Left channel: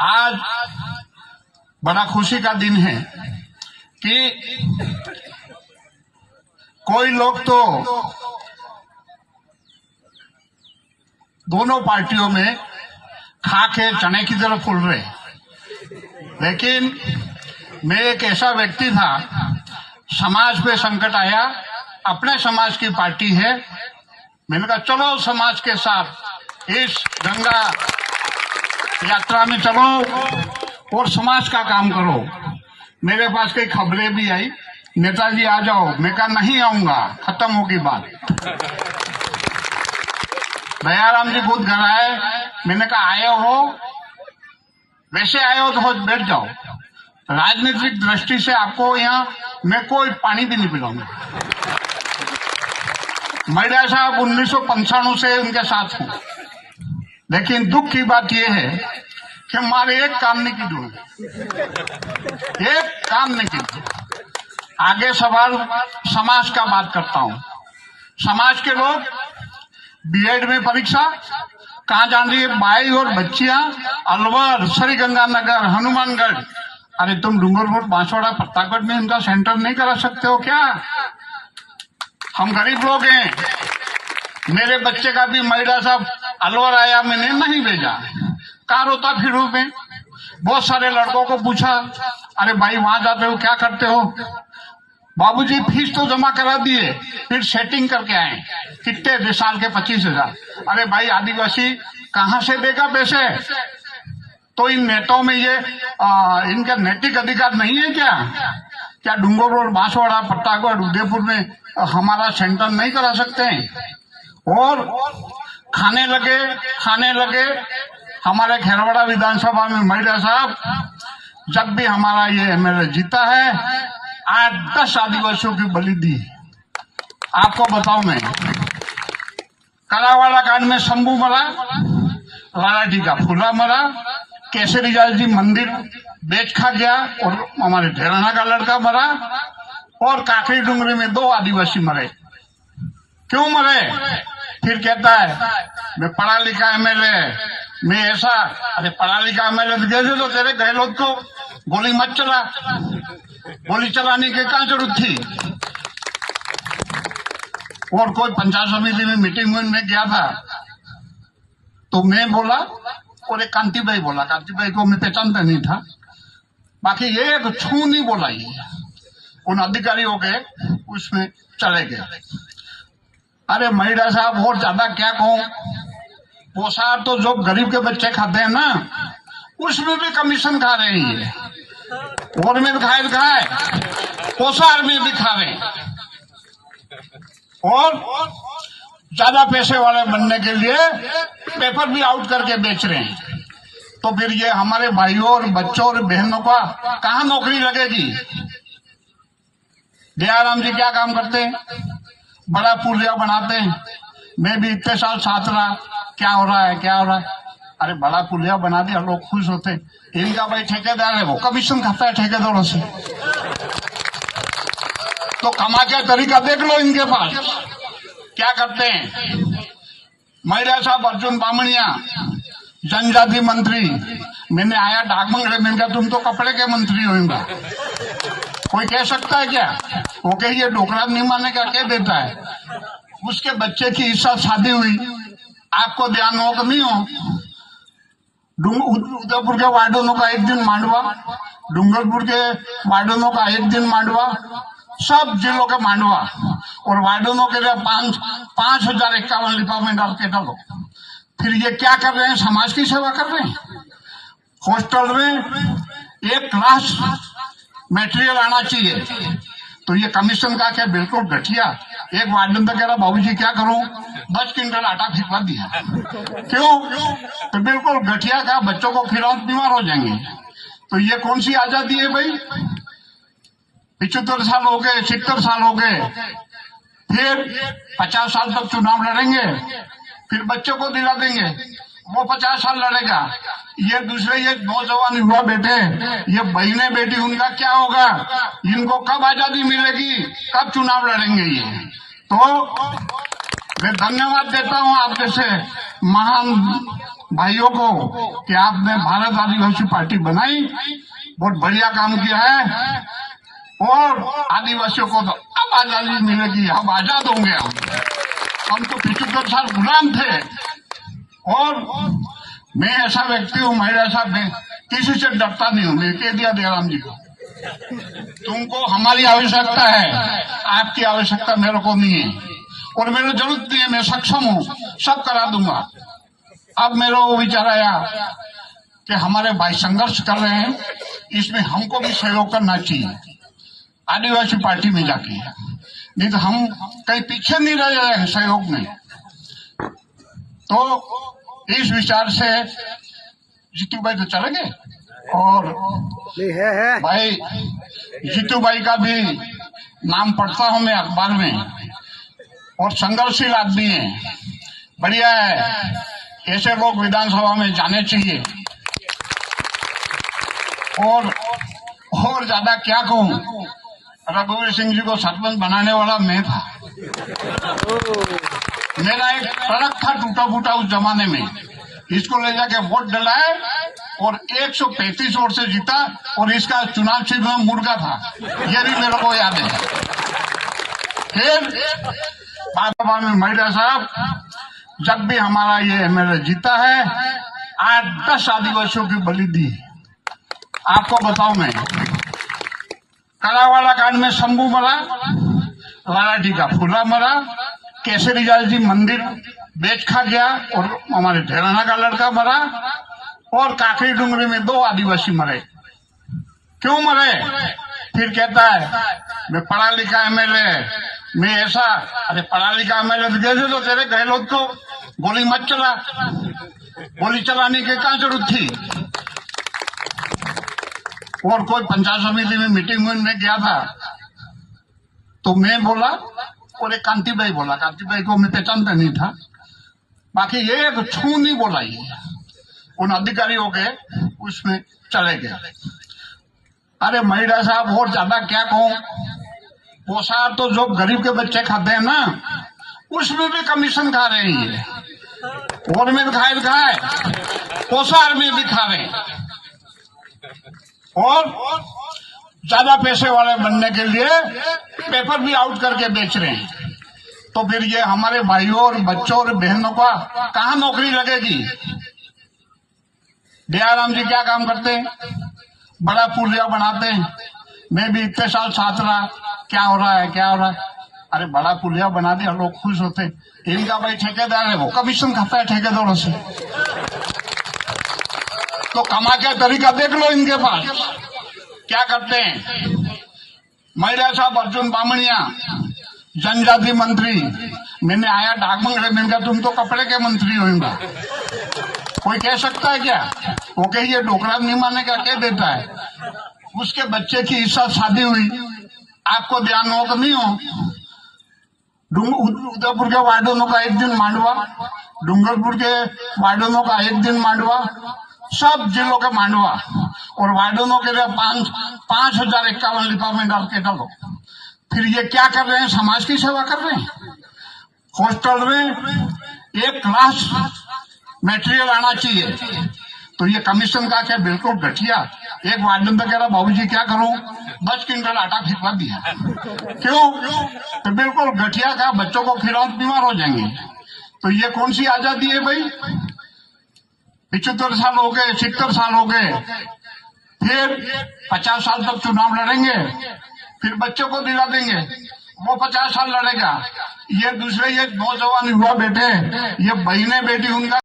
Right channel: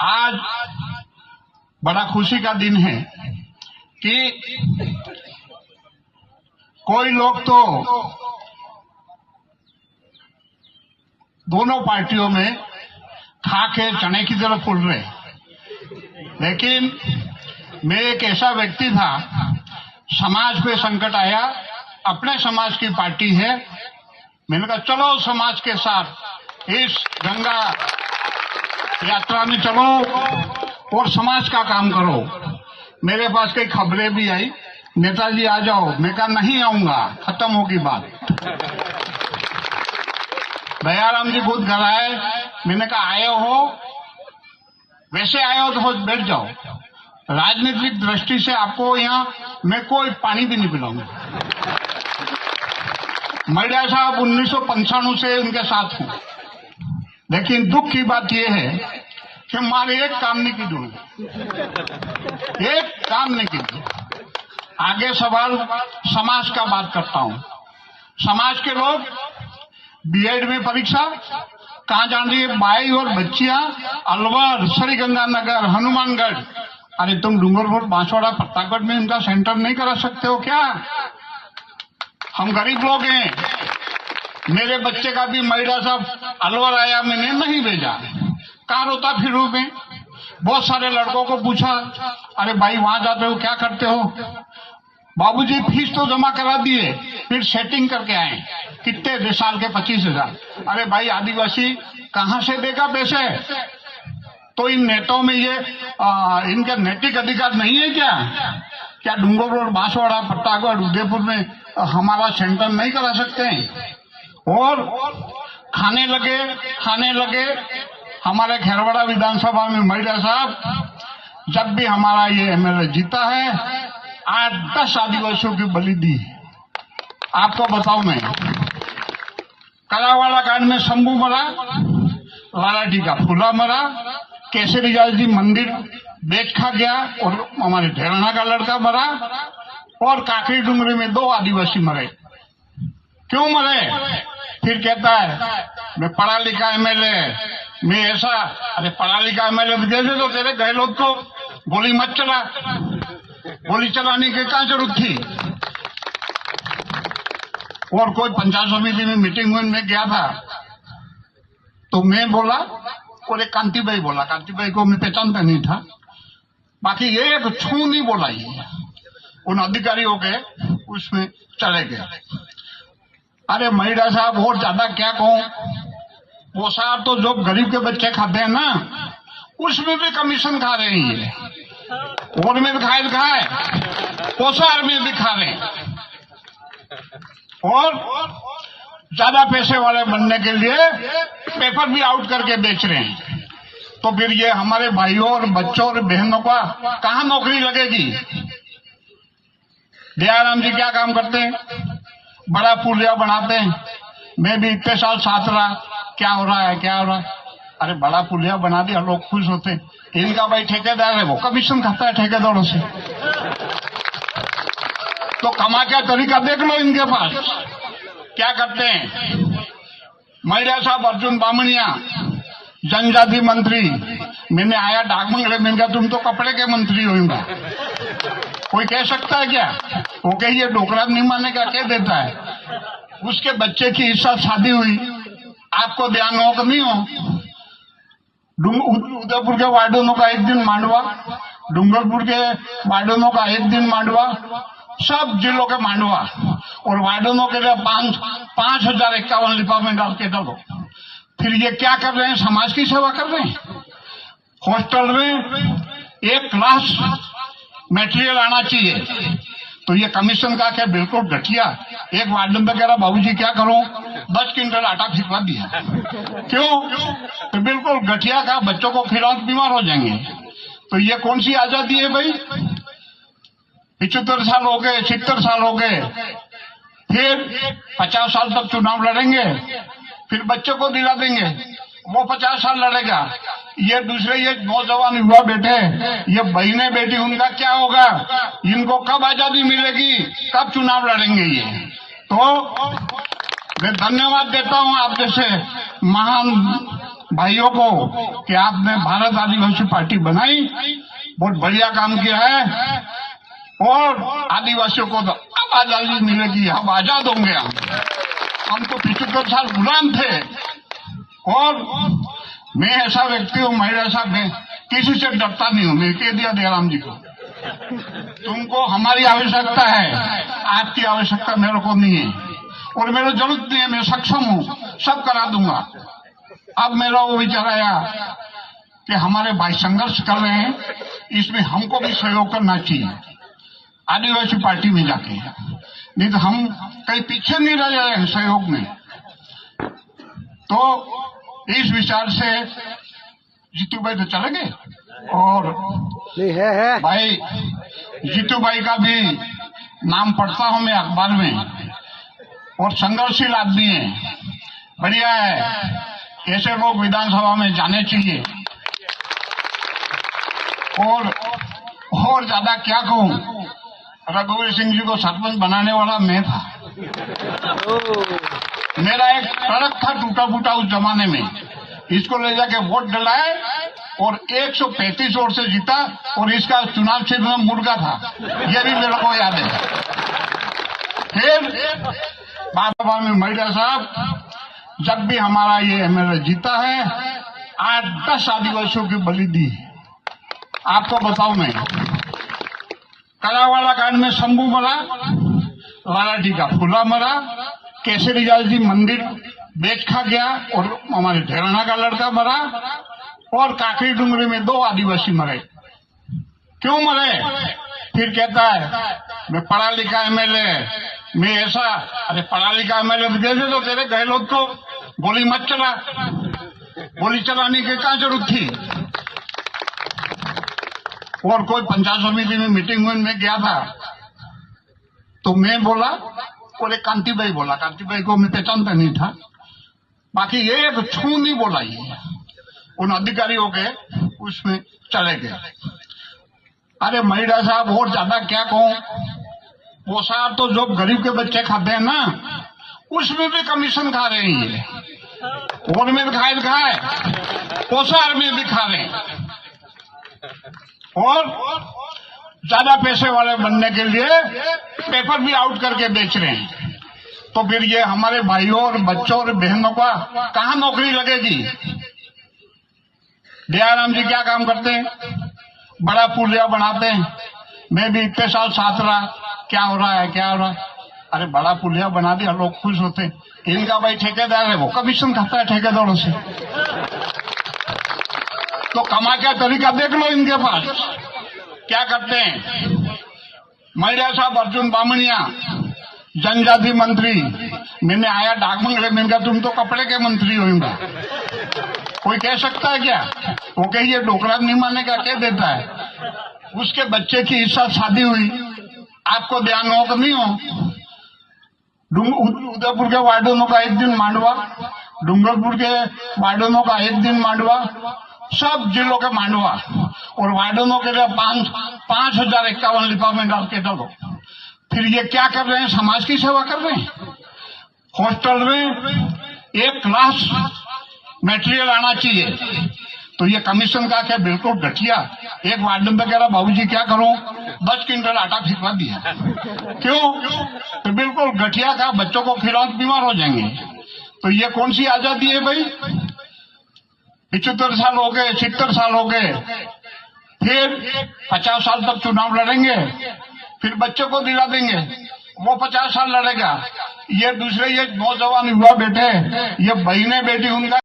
आज बड़ा खुशी का दिन है कि कोई लोग तो दोनों पार्टियों में खा के चने की तरह फूल रहे, लेकिन मैं एक ऐसा व्यक्ति था, समाज पे संकट आया, अपने समाज की पार्टी है, मैंने कहा चलो समाज के साथ इस गंगा यात्रा में चलो और समाज का काम करो। मेरे पास कई खबरें भी आई, नेताजी आ जाओ, मैं कहा नहीं आऊंगा, खत्म होगी बात। दयाराम जी खुद घर आए, मैंने कहा आए हो, वैसे आए हो तो बैठ जाओ, राजनीतिक दृष्टि से आपको यहाँ मैं कोई पानी भी नहीं पिलाऊंगा। मैडा साहब 1995 से उनके साथ हूं, लेकिन दुख की बात यह है कि हमारे एक काम नहीं की दूंगा, एक काम नहीं की। आगे सवाल समाज का बात करता हूं। समाज के लोग बीएड में परीक्षा कहाँ जान रही है, भाई और बच्चियां अलवर, श्रीगंगानगर, हनुमानगढ़। अरे तुम डूंगरपुर, बांसवाड़ा, प्रतापगढ़ में इनका सेंटर नहीं करा सकते हो क्या? हम गरीब लोग हैं। मेरे बच्चे का भी महिला साहब अलवर आया, मैंने नहीं भेजा, कहाँ रोता फिरूं मैं। बहुत सारे लड़कों को पूछा, अरे भाई वहां जाते हो क्या करते हो? बाबूजी फीस तो जमा करा दिए, फिर सेटिंग करके आए। कितने साल के? 25,000। अरे भाई आदिवासी कहाँ से देगा पैसे? तो इन नेताओं में ये इनका नैतिक अधिकार नहीं है क्या? क्या डूंगरपुर, बांसवाड़ा, प्रतापगढ़, उदयपुर में हमारा सेंटर नहीं करा सकते हैं? और खाने लगे हमारे खेरवाड़ा विधानसभा में महिला साहब, जब भी हमारा ये एमएलए जीता है 8-10 आदिवासियों की बलि दी। आपको बताऊं मैं, कलावाड़ा कांड में शंभू मरा, लालाजी का फूला मरा, केसरीलाल जी मंदिर बेच खा गया, और हमारे ढेराना का लड़का मरा, और काकरी डूंगरी में 2 आदिवासी मरे। क्यों मरे? फिर कहता है मैं पढ़ा लिखा एमएलए, मैं ऐसा। अरे पढ़ा लिखा एमएलए तो तेरे गहलोत को गोली मत चला, गोली चलाने की क्या जरूरत थी? और कोई पंचायत समिति में मीटिंग में गया था, तो मैं बोला, और एक कांतिभाई बोला, कांतिभाई को मैं पहचानता नहीं था, बाकी ये एक छू नहीं बोला। ये उन अधिकारियों के उसमें चले गए। अरे महिला साहब और ज्यादा क्या कहूं, वो साहब तो जो गरीब के बच्चे खाते हैं ना, उसमें भी कमीशन खा रहे हैं, और में भी खाए, पोसार में भी खा रहे हैं, और ज्यादा पैसे वाले बनने के लिए पेपर भी आउट करके बेच रहे हैं। तो फिर ये हमारे भाइयों और बच्चों और बहनों का कहाँ नौकरी लगेगी? दयाराम जी क्या काम करते हैं? बड़ा पुलिया बनाते हैं। मैं भी इतने साल साथ रहा, क्या हो रहा है? अरे बड़ा पुलिया बना दिया, लोग खुश होते। इनका भाई ठेकेदार है, वो कमीशन खाता है ठेकेदारों से। तो कमा क्या तरीका देख लो इनके पास, क्या करते हैं। महिला साहब अर्जुन बामणिया, जनजाति मंत्री, मैंने आया डाकमंगड़े, मैंने कहा तुम तो कपड़े के मंत्री होगा, कोई कह सकता है क्या? वो कहिए डोकरा नहीं मारने का कह देता है। उसके बच्चे की इस साल शादी हुई, आपको ध्यान हो कि नहीं हो? उदयपुर के वार्डोनों का एक दिन मांडवा, डूंगरपुर के वार्डोनों का एक दिन मांडवा, सब जिलों के मांडवा, और वार्डोनों के लिए 5,051 लिफाफे डाल के डालो। फिर ये क्या कर रहे हैं? समाज की सेवा कर रहे हैं। हॉस्टल में 1 क्लास मटेरियल आना चाहिए, तो ये कमीशन का क्या बिल्कुल घटिया। एक वार्डन तो कह रहा बाबूजी क्या करूं, 10 क्विंटल आटा खिलवा दिया। क्यों? तो बिल्कुल घटिया का, बच्चों को खिलाओ बीमार हो जाएंगे। तो ये कौन सी आजादी है भाई? 75 साल हो गए, 70 साल हो गए, फिर 50 साल तक चुनाव लड़ेंगे, फिर बच्चे को दिला देंगे, वो 50 साल लड़ेगा। ये दूसरे ये नौजवान युवा बेटे, ये बहने बेटी, उनका क्या होगा? इनको कब आजादी मिलेगी, कब चुनाव लड़ेंगे ये? तो मैं धन्यवाद देता हूं आप जैसे महान भाइयों को कि आपने भारत आदिवासी पार्टी बनाई, बहुत बढ़िया काम किया है और आदिवासियों को तो अब आजादी मिलेगी, अब आजाद होंगे हम तो 75 साल गुलाम थे। और मैं ऐसा व्यक्ति हूँ, महिला साहब, मैं किसी से डरता नहीं हूँ। मैं कह दिया दयाराम जी को, तुमको हमारी आवश्यकता है, आपकी आवश्यकता मेरे को नहीं है और मेरे को जरूरत नहीं है, मैं सक्षम हूँ, सब करा दूंगा। अब मेरा वो विचार आया कि हमारे भाई संघर्ष कर रहे हैं, इसमें हमको भी सहयोग करना चाहिए आदिवासी पार्टी में जाके, नहीं तो हम कहीं पीछे नहीं रह जाए सहयोग में। तो इस विचार से जीतू भाई तो चले गए और है। भाई जीतू भाई का भी नाम पढ़ता हूं मैं अखबार में और संघर्षशील आदमी है, बढ़िया है। ऐसे लोग विधानसभा में जाने चाहिए। और ज्यादा क्या कहूं, रघुवीर सिंह जी को सरपंच बनाने वाला मैं था। मेरा एक सड़क था टूटा फूटा उस जमाने में, इसको ले जाके वोट डलाए और 135 वोट से जीता और इसका चुनाव चिन्ह में मुर्गा था, यह भी मेरे को याद है। फिर बाबा में महिला साहब, जब भी हमारा ये एमएलए जीता है 8-10 आदिवासियों की बलि दी। आपको बताऊं मैं, कलावाड़ा कांड में शंभू मरा, लालाजी का फूला मरा, केसरी लाल जी मंदिर बेच खा गया और हमारे ढेराना का लड़का मरा और काकरी डूंगरी में 2 आदिवासी मरे। क्यों मरे? फिर कहता है मैं पढ़ा लिखा एमएलए, मैं ऐसा। अरे पढ़ा लिखा एमएलए तो तो तेरे गहलोत को गोली मत चला, गोली चलाने की क्या जरूरत थी? और कोई पंचायत समिति में मीटिंग में गया था तो मैं बोला और एक कांति भाई बोला, कांति भाई को मैं पहचानता नहीं था, बाकी एक छू नहीं बोला। ये उन अधिकारियों के उसमें चले गए। अरे महिला साहब, और ज्यादा क्या कहूं, वो साहब तो जो गरीब के बच्चे खाते हैं ना, उसमें भी कमीशन खा रहे हैं ये, और में दिखाए पोसार में भी खा रहे हैं और ज्यादा पैसे वाले बनने के लिए पेपर भी आउट करके बेच रहे हैं। तो फिर ये हमारे भाइयों और बच्चों और बहनों का कहाँ नौकरी लगेगी? दयाराम जी क्या काम करते हैं? बड़ा पुलिया बनाते हैं। मैं भी इतने साल साथ रहा, क्या हो रहा है क्या हो रहा है, अरे बड़ा पुलिया बना दिया, लोग खुश होते। इनका भाई ठेकेदार है, वो कमीशन खाता है ठेकेदारों से। तो कमा के तरीका देख लो इनके पास क्या करते हैं। महिला साहब अर्जुन बामणिया, जनजाति मंत्री, मैंने आया डाकमंगले, मैंने कहा तुम तो कपड़े के मंत्री होगा, कोई कह सकता है क्या? वो कहिए डोकरा नहीं माने का कह देता है। उसके बच्चे की इस साल शादी हुई, आपको ध्यान हो कि नहीं हो? उदयपुर के वार्डोनों का एक दिन मांडवा, डूंगरपुर के वार्डोनों का एक दिन मांडवा, सब जिलों के मांडवा, और वार्डोनों के लिए 5,051 लिफाफे डाल के डालो। फिर ये क्या कर रहे हैं? समाज की सेवा कर रहे हैं। हॉस्टल में 1 क्लास मटेरियल आना चाहिए, तो ये कमीशन का क्या बिल्कुल घटिया। एक वार्डन तो कह रहा बाबूजी क्या करूं, 10 क्विंटल आटा खिलवा दिया। क्यों? तो बिल्कुल घटिया का, बच्चों को खिलाओ बीमार हो जाएंगे। तो ये कौन सी आजादी है भाई? 75 साल हो गए, 70 साल हो गए, फिर 50 साल तक चुनाव लड़ेंगे, फिर बच्चों को दिला देंगे, वो 50 साल लड़ेगा। ये दूसरे ये नौजवान युवा बेटे, ये बहने बेटी उनका